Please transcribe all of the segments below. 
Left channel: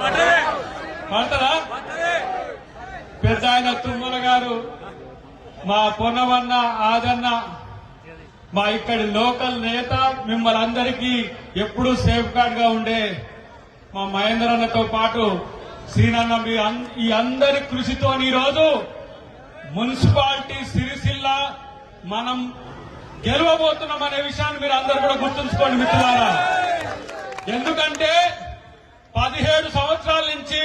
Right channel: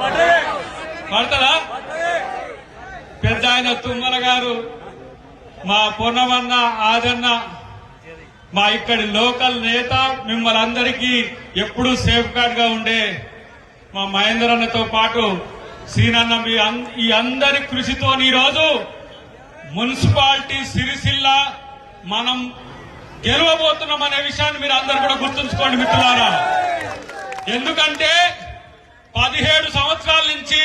పడతారా? పెద్ద ఆయన తుమ్మల గారు, మా పొన్నమన్న, ఆదన్న, మా ఇక్కడి లోకల్ నేత, మిమ్మల్ని అందరికీ ఎప్పుడూ సేఫ్ గార్డ్ గా ఉండే మా మహేందర్ అన్నతో పాటు సీనన్న, ఈ అందరి కృషితో ఈరోజు మున్సిపాలిటీ సిరిసిల్ల మనం గెలవబోతున్నాం అనే విషయాన్ని మీరు అందరూ కూడా గుర్తుంచుకోండి మిత్రులారా. ఎందుకంటే 17 సంవత్సరాల నుంచి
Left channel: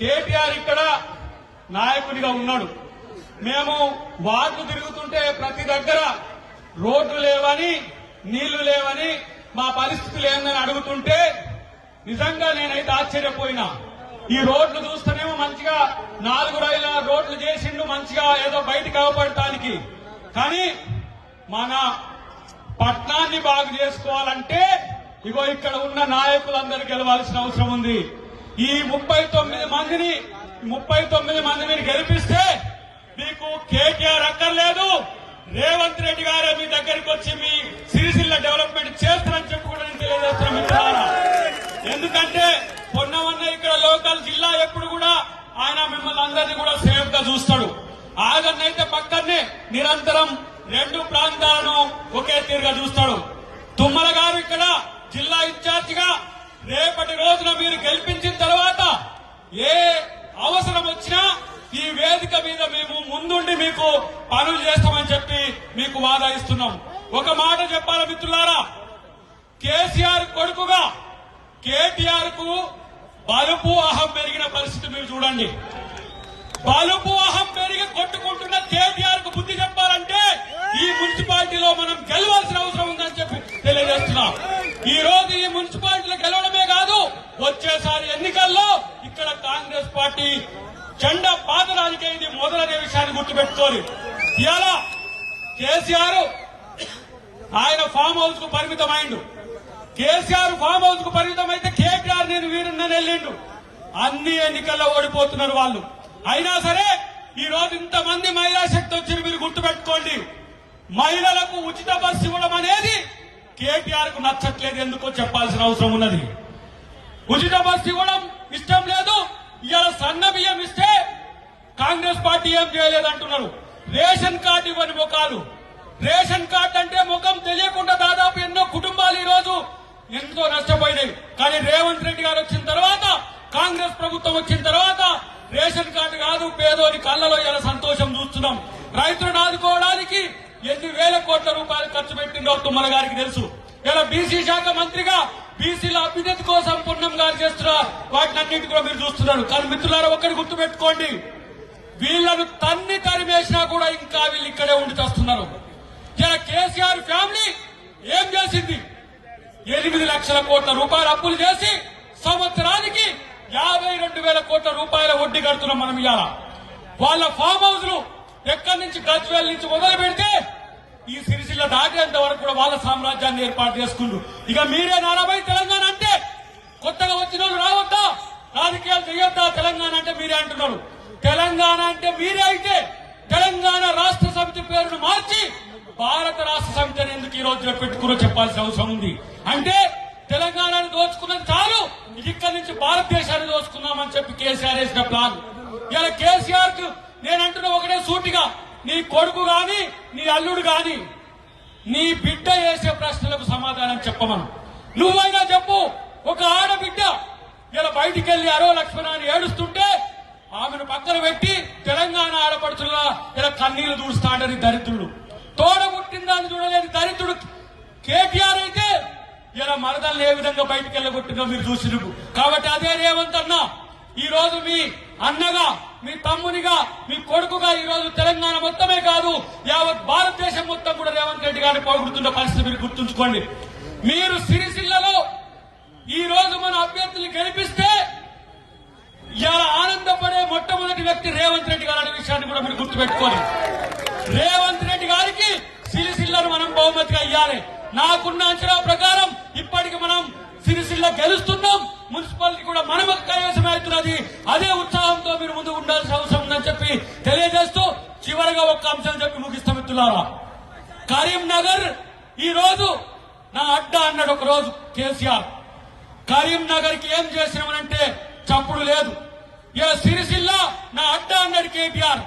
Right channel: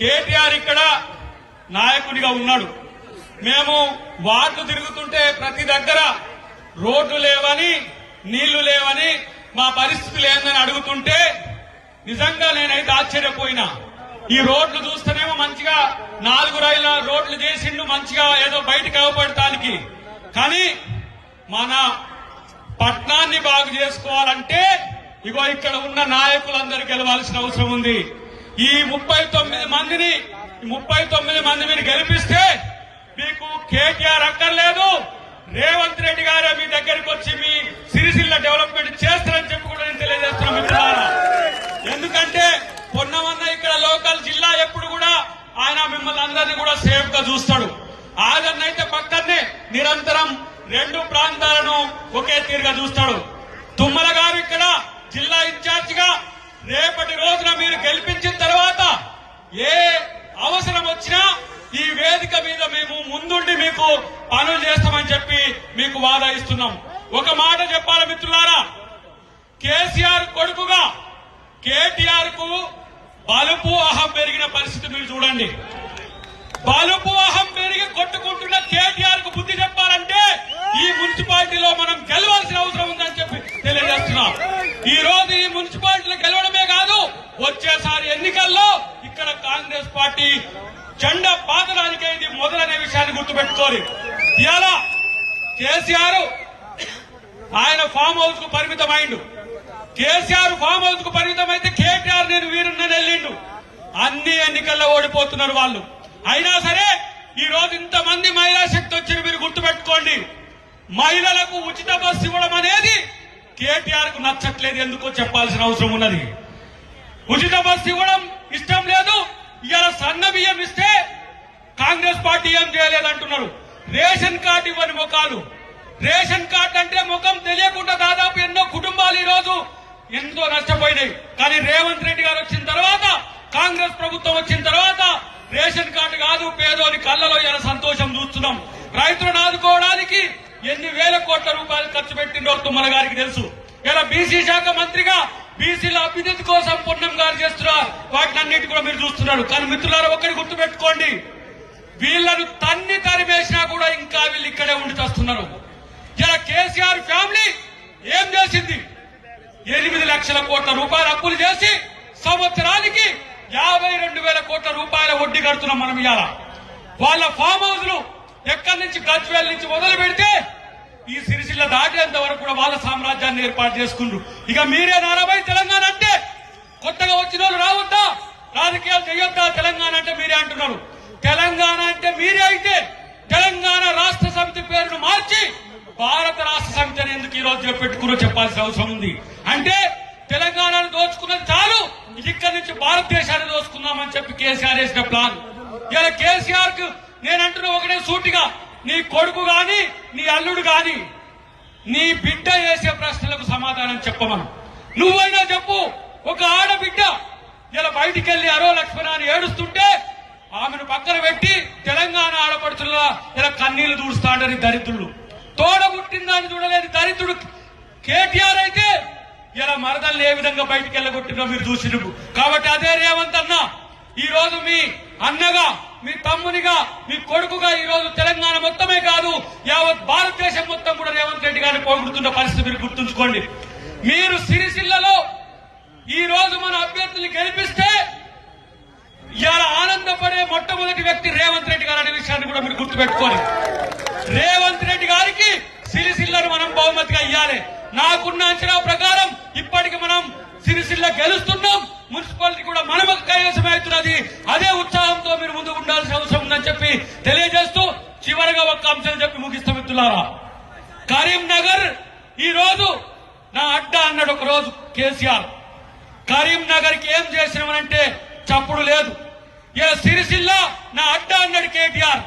కేటీఆర్ ఇక్కడ నాయకుడిగా ఉన్నాడు. మేము వార్డు తిరుగుతుంటే ప్రతి దగ్గర రోడ్లు లేవని, నీళ్లు లేవని, మా పరిస్థితులు ఏందని అడుగుతుంటే నిజంగా నేనైతే ఆశ్చర్యపోయినా. ఈ రోడ్లు చూస్తేనేమో మంచిగా 4 రైళ్ల రోడ్లు చేసిండు, మంచిగా ఏదో బయటకు అవపడటానికి. కానీ మన పట్టణాన్ని బాగు చేసుకోవాలంటే ఇగో ఇక్కడ ఉన్న నాయకులందరూ గెలవాల్సిన అవసరం ఉంది. ఈ 39 మంది మీరు గెలిపిస్తే మీకు కేటీఆర్ అక్కర్లేదు, రేవంత్ రెడ్డి గారు మీ దగ్గరికి వచ్చి మీ సిరిసిల్ల డెవలప్మెంట్ చేస్తారని చెప్పి కూడా నేను తెలియజేస్తున్నాను. ఎందుకంటే పొన్నమన్న ఇక్కడ లోకల్ జిల్లా ఎప్పుడు కూడా ఆయన మిమ్మల్ని అందరినీ కూడా సేఫ్ గా చూస్తాడు. ఆయనైతే పక్కనే నిరంతరం 2 ప్రాంతాలను ఒకే తీరుగా చూస్తాడు. తుమ్మల గారు ఇక్కడ జిల్లా ఇన్ఛార్జ్ గా రేపటి రోజున మీరు గెలిపించిన తర్వాత ఏ అవసరం వచ్చినా ఈ వేదిక మీద మేము ముందుండి మీకు పనులు చేస్తామని చెప్పి మీకు వాదా ఇస్తున్నాం. ఒక మాట చెప్పాలి మిత్రులారా, కేసీఆర్ కొడుకుగా కేటీఆర్ కు బలుపు అహం పెరిగిన పరిస్థితి మీరు చూడండి. బలుపు అహం పెరిగి కొట్టుకుంటున్న కేటీఆర్ కు బుద్ధి చెప్పాలంటే ఈ మున్సిపాలిటీలో మనం గెలవాల్సిన అవసరం ఉందని చెప్పి తెలియజేస్తున్నాం. ఈ రోజు ఈ మున్సిపాలిటీలో గెలవడమే కాదు, వచ్చేసారి ఎన్నికల్లో ఇక్కడ కాంగ్రెస్ పార్టీ జెండా పాతడానికే ఇది మొదలనే విషయాన్ని గుర్తుపెట్టుకోవాలి. ఇవాళ కేసీఆర్ ఆయన ఫామ్ హౌస్ కు పరిమితమైండు. కేసీఆర్ ఫామ్ హౌస్ కు పరిమితమైతే కేటీఆర్ నేను వీరుని వెళ్ళిండు. అన్ని ఎన్నికల్లో ఓడిపోతున్నారు వాళ్ళు. అయినా సరే ఈ రోజు ఇంతమంది మహిళా శక్తి వచ్చి మీరు గుర్తుపెట్టుకోండి, మహిళలకు ఉచిత బస్సు ఇవ్వడం అనేది కేటీఆర్ కు నచ్చట్లేదు. ఎందుకో చెప్పాల్సిన అవసరం ఉన్నది. ఉచిత బస్సు ఇవ్వడం ఇష్టం లేదు. ఇవాళ సన్న బియ్యం ఇస్తే కాంగ్రెస్ పార్టీ ఏం చేయలేదంటున్నారు. రేషన్ కార్డు ఇవ్వని ముఖాలు. రేషన్ కార్డు అంటే ముఖం తెలియకుండా దాదాపు ఎన్నో కుటుంబాలు ఈ రోజు ఎంతో నష్టపోయినాయి. కానీ రేవంత్ రెడ్డి గారు వచ్చిన తర్వాత, కాంగ్రెస్ ప్రభుత్వం వచ్చిన తర్వాత రేషన్ కార్డు కాదు, పేదోని కళ్ళలో ఇలా సంతోషం చూస్తున్నాం. రైతులను ఆదుకోవడానికి ఎన్ని వేల కోట్ల రూపాయలు ఖర్చు పెట్టిండో తుమ్మల గారికి తెలుసు. ఇలా బీసీ శాఖ మంత్రిగా బీసీల అభివృద్ధి కోసం పూర్ణం గారు చేస్తున్నారు. వాటిని అన్నిటి కూడా మీరు చూస్తున్నారు. కానీ మిత్రులారా ఒకటి గుర్తుపెట్టుకోండి, వీళ్లను తన్ని తరిమేసినా కూడా ఇంకా వీళ్ళు ఇక్కడే ఉండి చేస్తున్నారు. ఇలా కేసీఆర్ ఫ్యామిలీ ఏం చేసింది? 8 లక్షల కోట్ల రూపాయలు అప్పులు చేసి సంవత్సరానికి 52,000 కోట్ల రూపాయల వడ్డీ కడుతున్నాం మనం. ఇవాళ వాళ్ళ ఫామ్ హౌస్ లు ఎక్కడి నుంచి గజ్వేల్ నుంచి మొదలు పెడితే ఈ సిరిసిల్ల దాటేంత వరకు కూడా వాళ్ళ సామ్రాజ్యాన్ని ఏర్పాటు చేసుకుంటూ ఇక మీరే 40 తెలంగాణ అంటే కొత్తగా వచ్చిన వాళ్ళు రావద్దా, రాజకీయాలు చేయొద్దా తెలంగాణ అంటే మీరే అంటున్నారు. తెలంగాణ అంటే మీరే అయితే తెలంగాణ రాష్ట్ర సమితి పేరును మార్చి భారత రాష్ట్ర సమితి అని ఎందుకు ఈ రోజు పెట్టుకున్నా చెప్పాల్సిన అవసరం ఉంది. అంటే తెలంగాణను దోచుకున్నది చాలు, ఇక్కడి నుంచి భారతదేశాన్ని దోచుకున్నామని చెప్పి కేసీఆర్ వేసిన ప్లాన్. ఇలా కేసీఆర్ కు నేను అంటున్నా ఒకటే సూటిగా, నీ కొడుకు గాని, నీ అల్లుడు గాని, నీ బిడ్డ వేసే ప్రశ్నలకు సమాధానం చెప్పమను. నువ్వైనా చెప్పు. ఒక ఆడబిడ్డ ఇలా బయటికి వెళ్లి అరో లక్ష్మణ అని ఏడుస్తుంటే ఆమెను పక్కన పెట్టి తెలంగాణ ఆడపడుతున్నా ఇలా కన్నీళ్లు దూస్తాడని దరిద్రుడు, తోడబుట్టిందని చూడలేని దరిద్రుడు కేటీఆర్ అయితే ఇలా మరదల్ని ఏ విధంగా బయటికి వెళ్ళగొట్టిందో మీరు చూసిరు. కాబట్టి అదే రేవంత్ అన్న ఈ రోజు మీ అన్నగా, మీ తమ్మునిగా, మీ కొడుకుగా ఈ రోజు తెలంగాణ మొత్తమే కాదు యావత్ భారతదేశం మొత్తం కూడా రేవంత్ రెడ్డి గారిని పొగుడుతున్న పరిస్థితి మీరు గుర్తుంచుకోండి. మీరు సిరిసిల్లలో ఈ రోజు మన అభ్యర్థులు గెలిపిస్తే ఇలా ఆనందపడే మొట్టమొదటి వ్యక్తి రేవంత్ రెడ్డి గారు అనే విషయాన్ని కూడా మీరు గుర్తుపెట్టుకోండి. రేవంత్ రెడ్డి గారికి సిరిసిల్లను మనం బహుమతిగా ఇవ్వాలి. నాకున్న అంచనా ప్రకారం ఇప్పటికి మనం సిరిసిల్ల గెలుస్తున్నాం, మున్సిపాలిటీ కూడా మనం కైవసం అవుతున్నది. అదే ఉత్సాహంతో మీరు ముందు ఉండాల్సిన అవసరం ఉందని చెప్పి తెలియజేస్తూ చివరిగా ఒక అంశం చెప్పి ముగిస్తాం మిత్రులారా. కరీంనగర్ ఈ రోజు నా అడ్డా అన్నాడు ఒక రోజు కేసీఆర్. కరీంనగర్ కి ఏం చేసినామంటే లేదు. ఇలా సిరిసిల్ల నా అడ్డ అన్నాడు కేటీఆర్.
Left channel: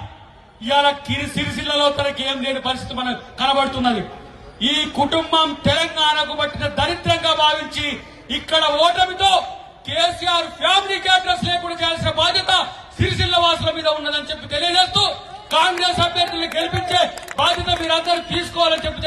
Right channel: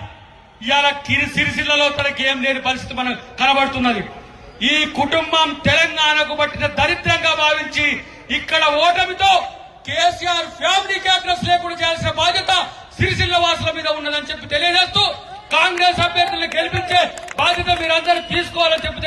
ఇవాళ సిరిసిల్లలో తనకి ఏం లేని పరిస్థితి మనకు కనబడుతున్నది. ఈ కుటుంబం తెలంగాణకు పట్టిన దరిద్రంగా భావించి ఇక్కడ ఓటమితో కేసీఆర్ ఫ్యామిలీకి అడ్రస్ లేకుండా చేయాల్సిన బాధ్యత సిరిసిల్ల వాసుల మీద ఉన్నదని చెప్పి తెలియజేస్తూ కాంగ్రెస్ అభ్యర్థులను గెలిపించే బాధ్యత మీరందరూ తీసుకోవాలని చెప్పి